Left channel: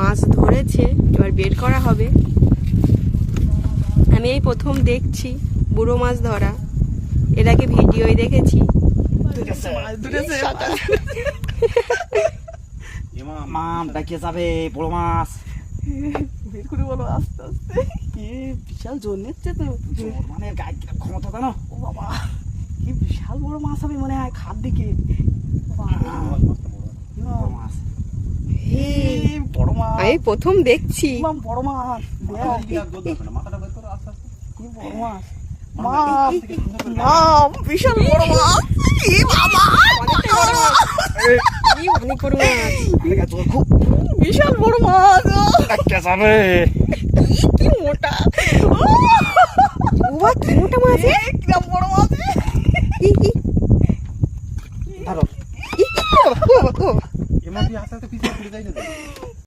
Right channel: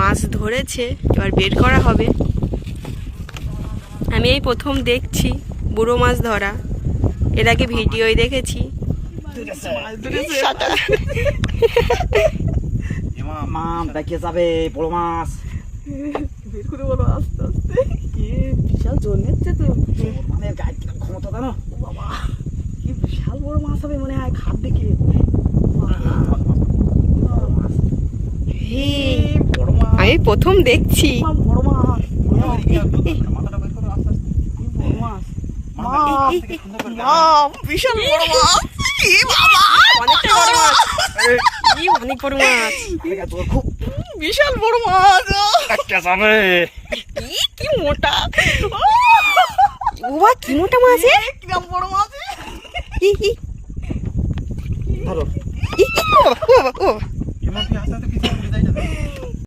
মাছ ধরেছে, এবার বের করা হবে। আমি এই প্রথম দেখছি বুড়ো মাছ ধরা, এর আগে ভিডিওই দেখেছি। মাম ডাকিয়ে যাবে বড় মাছ। বের করে বলো আস্তে আস্তে। বিশাল জোর নিচ্ছে তো, মানে গায়ে ক্ষমতা জানো। ও বাবা কি বিশাল বড় মাছ হবে মনে হয় খাপ দিকে। বড় মাছ, বড় মাছ, আমি প্রথম দেখছি। বড় মাছ, বড় মাছ, বিশাল বড় মাছ। অনেকটাই বড় মাছ, অনেক বড় মাছ, খুব বিশাল বড় মাছ। ডাকিয়ে যাবে। কি মোটা, বাবা কি মোটা মাছ, কিরম বড় মাছ। ধরো।